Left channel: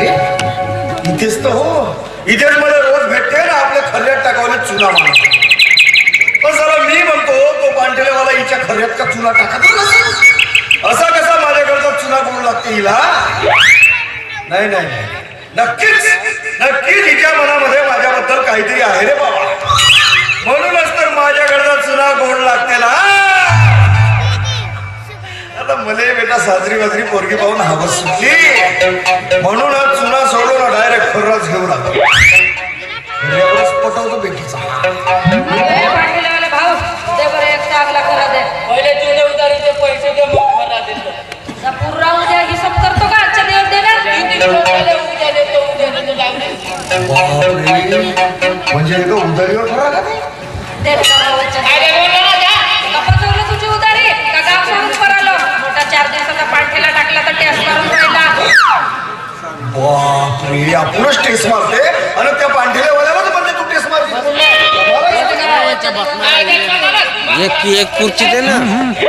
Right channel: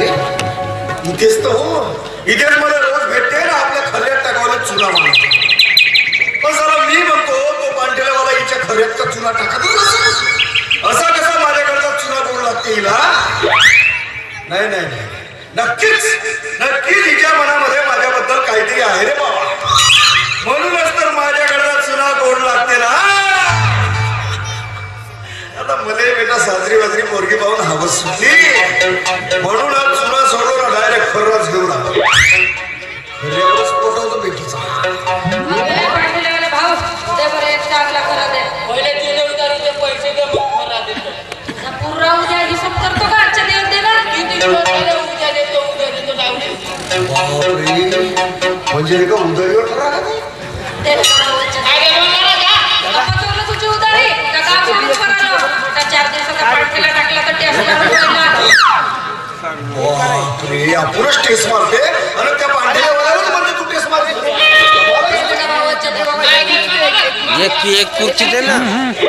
इथेच तर हो. इथेच मला रोज भेटते ना आपल्या खऱ्यात टाकावलं चुना म्हणून. पण जरा मी म्हणतो तो पांढरेवाला हिच्या खऱ्यात का चुना टाकत असा कसा माझ्याकडचा चुना करू लागते हिला? नाही नाही नाही. नक्कीच नक्कीच हिच्या मनामध्ये माझ्याबद्दल काहीतरी आहे रे बाबा. आता मले बेटा साजरी वाजरी पोरगी पाहून हवस सुटली म्हणूनच चुना सोडून डायरेक्ट खरंच घेऊन पटवतो बेटीचा. भाऊ दे सांगणार? एक एक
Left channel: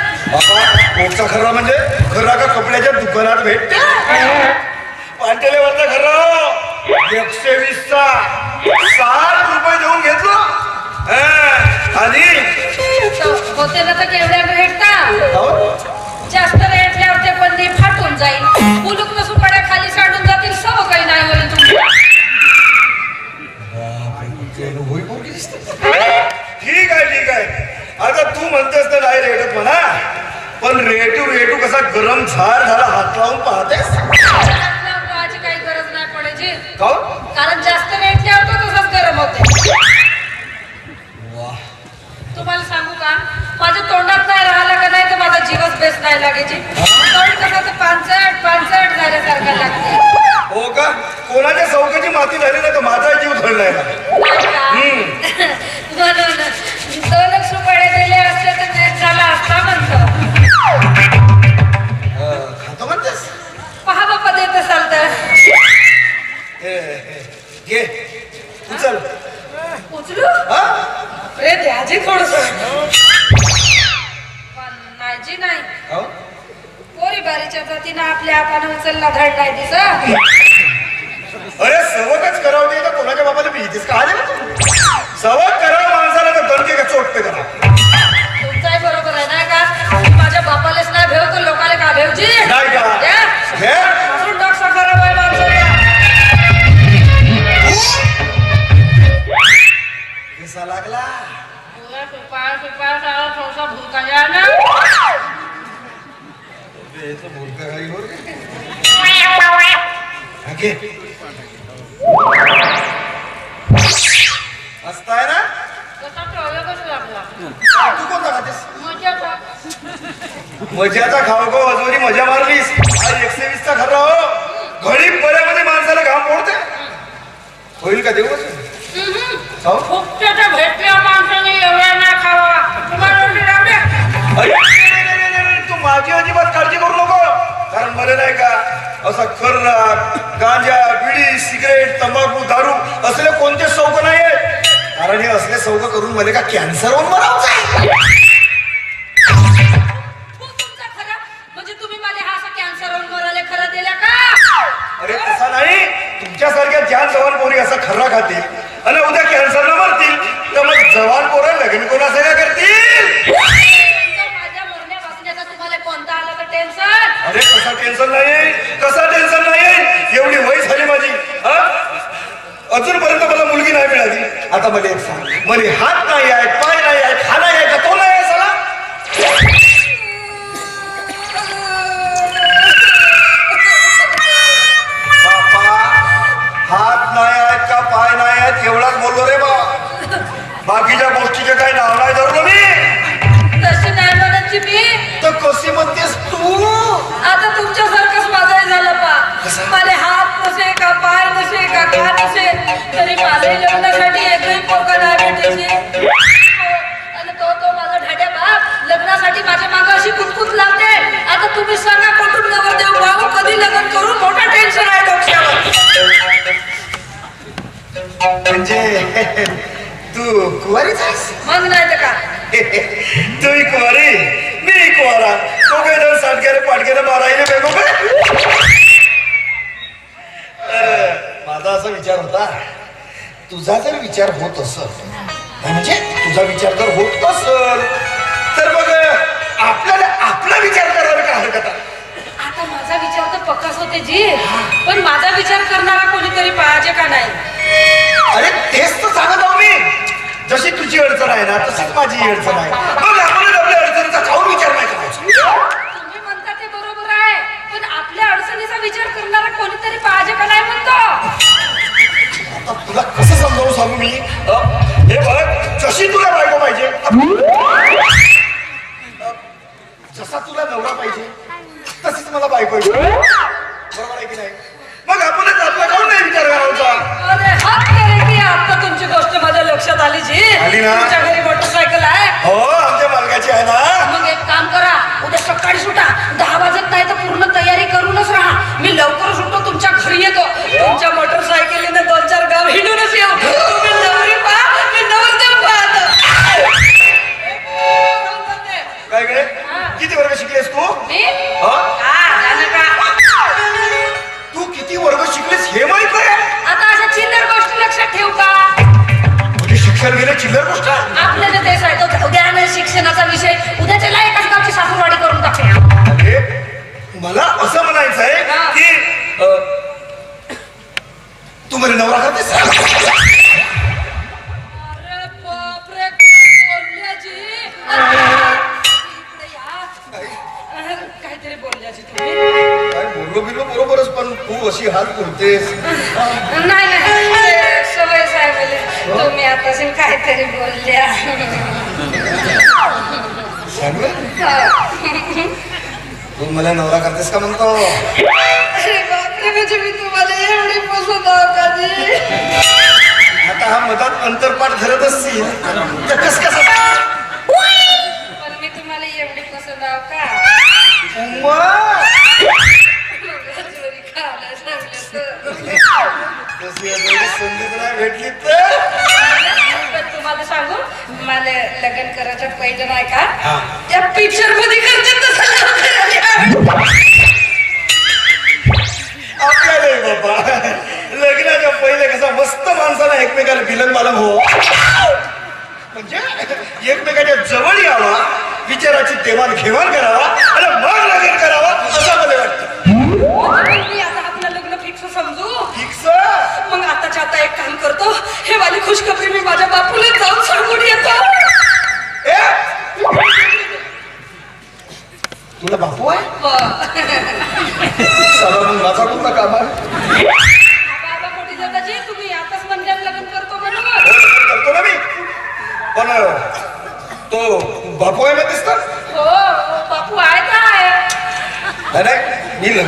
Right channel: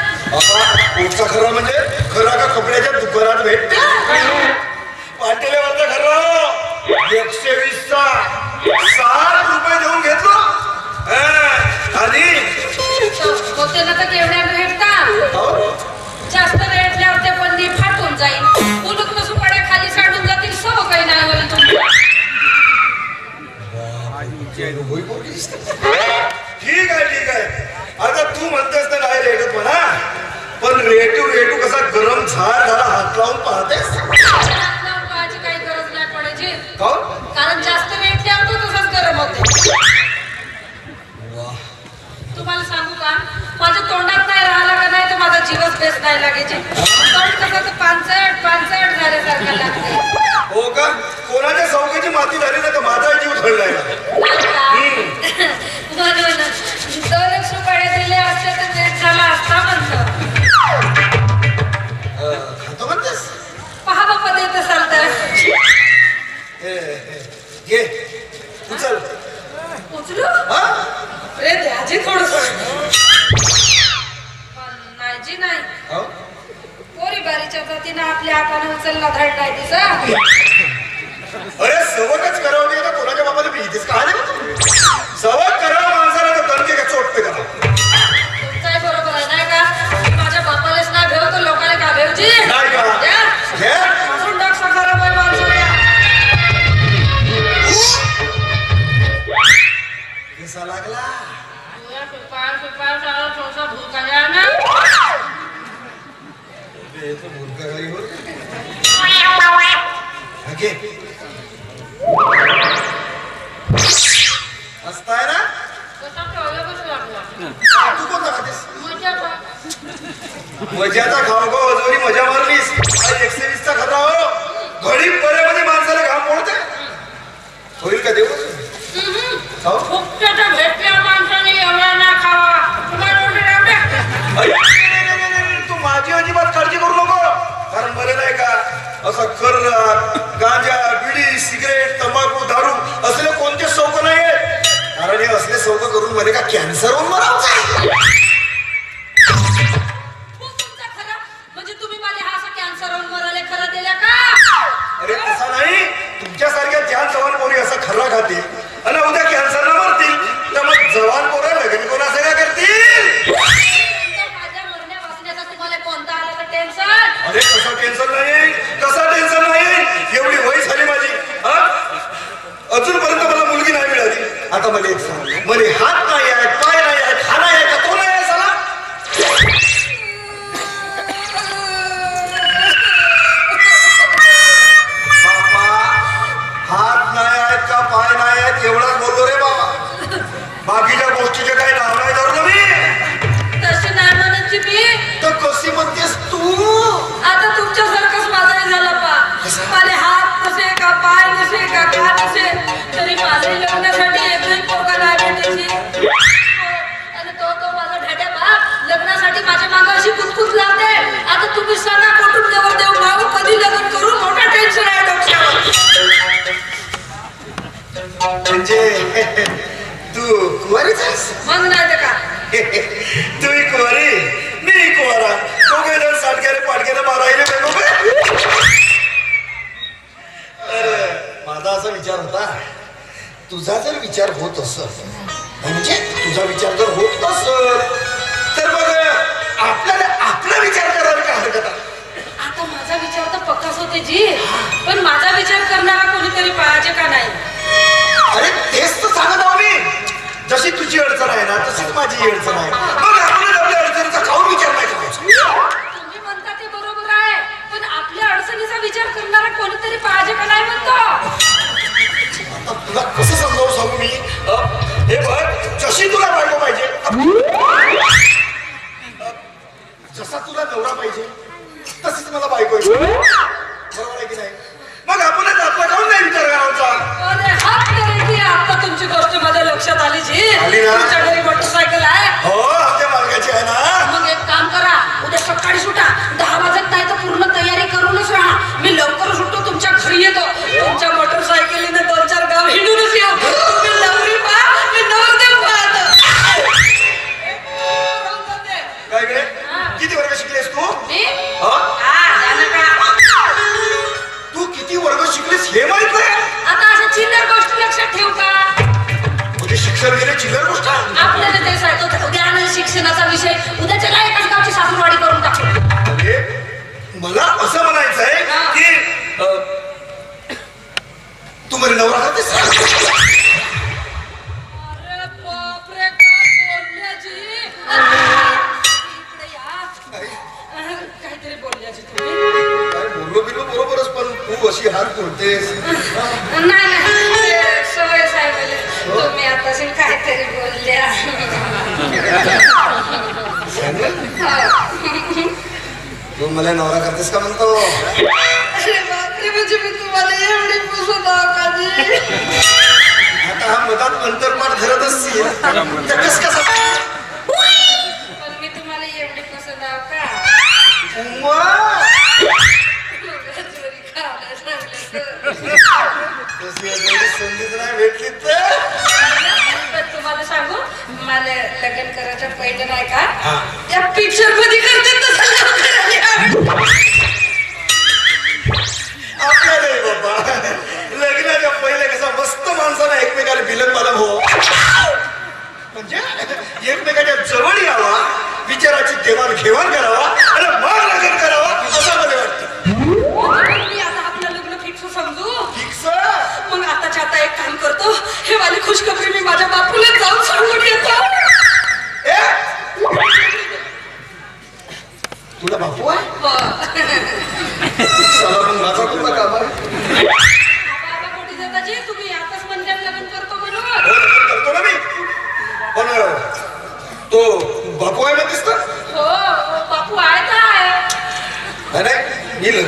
कोणचा खरा म्हणजे खरा का कपड्याच्या दुकानात भेटते पांटेले म्हणता खरं. एकशे वीस चा ना तर केवढ्या भेटता? अहो, जास्त रेटल्यावर ते बंदी फाटून जाईल. कुलूप नसून पड्या खाली साडून जातील सव काही नाही होईल. ठीक आहे ठीक आहे. आता तू म्हणतेस तर नाही रेटत म्हणा. पण रेटू रेटू कसा गरम झाड झाला हात लावून पाहतेस? काही गरज नाही पडायची. काहून? पोरी बारीच्या जातीनं आपल्या आपण उचलला धड नाही दिसा अरे सवकच करावं का? कोणाच्या बाबाला भीतीस का? आले का तू? सवक करावं माणसाला तर दणके का चोटते करा तुमचाही बरोबर आहे नाही का? माझ्या बापालाच नाही भेव तर लोकांना का भेवची? नाही का? मजाचा खाऊ गो अजूनही मजा मारलीस. एकशे वीस वीसचा खरा हो. घडी बऱ्यामध्ये माणसाला घाम पडते होईल का देऊ माणसाने हो? तू माझी अजिबात काळजी करू नको. कारण बरं नाही का? असा खर्रा गांजा बिडी सिगरेट तंबाखू दारू असले कोणते सौक नाही आहेत कारण हे असले सौक करून मला का कॅन्सर होऊन मरावं खर्रा खातील आणि उद्या कॅन्सर न मरतील. तर मग जवान पोरं लग्न करतील? आला तर टेन्शन अरे कसा टेन्शन नाही कसा टेन्शन नाही एवढी वय झाली माझी? अजूनपर्यंत मला मुलगी नाही मिळाली. आता मला एक सांग. मला हात नाही आहे. कशी म्हणतेस तू? आता तुमच्यासारखंच माझा झालं पा. माझे हात नसे का पाय नसे का का नसे तरी माझे लग्नासाठी एकही पोका आले भेटायची. तो तो माझा ढाड्या बाप लग्नासाठी माझ्या मागं अशी कुतकुत लावते. आता तुम्ही सांगा कुठून नवर देऊ? भाऊ कधी लग्न करू? मोठा टेन्शन आहे डोक्यावर. म्हणजे तू कुवारीच आहेस? नाही का तुझा जर विचार होत असल म्हणजे तुझा विचार जर होत असल तर मग आपल्याला आपला विचार करायला काय हरकत आहे? आता माझा विचार तर पक्काच होते जी पण माझा विचार करणारा कोणीतरी पाहिजे का नाही? अरे तेच तर सांगत आहो मी जशी तुझी अडचण आहे ना तशीच माझी अडचण आहे. मग बरोबर आहे की नाही मग आपणच आपला काऊन नाही विचार करायचा अरे हात करे की आता तुमची गोष्ट माझ्या लक्षात आली जी आली ना? तुमच्या घरी मोटरसायकल आहे हो आमच्या मालकाची आहे ना. मग एक काम करा. उद्या सकाळी सुटा. दहा वाजत नाही तर पूर्ण तयारी करूनच राहा. मी लवकर सुटतो तुमच्या घरी येतो. तुमच्या बिलो बरोबरच पण तू अशी हात बोलतेस नाही नाही सवय तुम्ही आता काहीतरी बोलल्या. तू मला नवरा करतेस का म्हणतो? म्हणजे मी तुम्हाला एवढी पसंत? आता हा मधात अंतरपाठ धरत असतील तर कस कसं? पण मी तुम्हाला एवढी पसंत आहो का? तशी एवढी संधीच नाही भेटली तर पण तुम्हाला सांगू मला लग्न करायचं पहिले नाही हा. का त्या पिक्चरमध्ये करते तसं लग्न करायला. आपल्याला नाही बाबा लग्नाच्या पहिले कसं मस्त माणसाला एकमेकाला बिलन बालम हो म्हणजे एकमेकाच्या जवळ यावा विचाराची देवाण घेवाण करावा आणि मग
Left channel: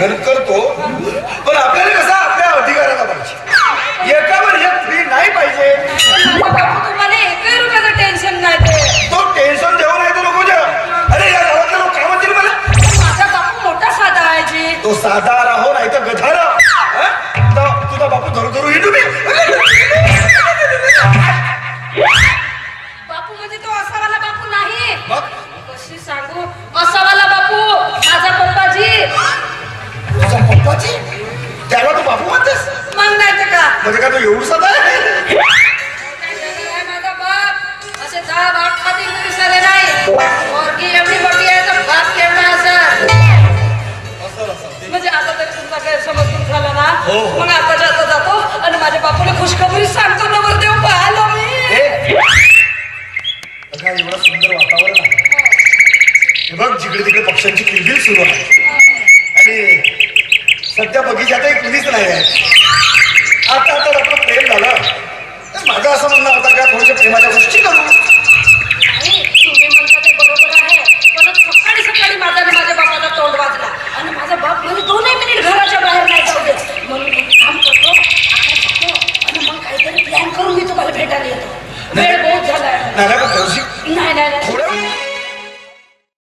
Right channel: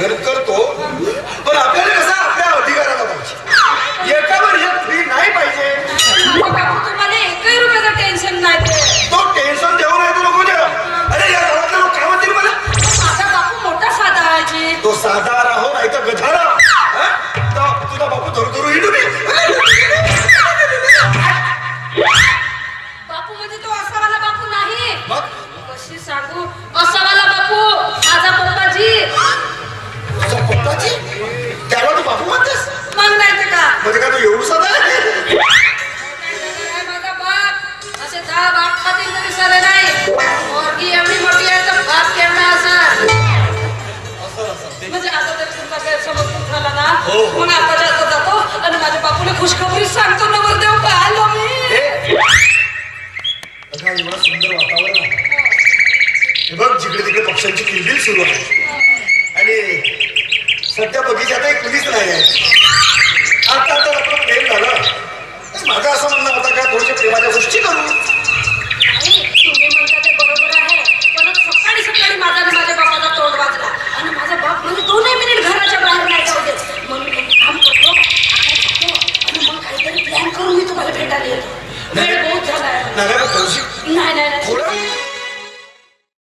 नाही करतो म्हणजे काय तो एवढू साधा आहे माझा बाप असे दहा बाप खातील तरी सरे नाही पोरगी एवढी मोठी आहे तर बाप केवढा असेल असं असं. म्हणजे आता तर तुमचा गैरसमज दूर झाला ना. हो, हो. मग आता जातो जातो आणि माझ्या बापूला खुशखबरी सांगतो नवरदेव पाहिलो मी. एवढं सुंदर वातावरण आहे. हे बघ जिकडे तिकडे पक्ष्यांची किलबिल सुरू आहे. आणि सध्या बगीचात एक कुणीच नाही आहे. तर माझं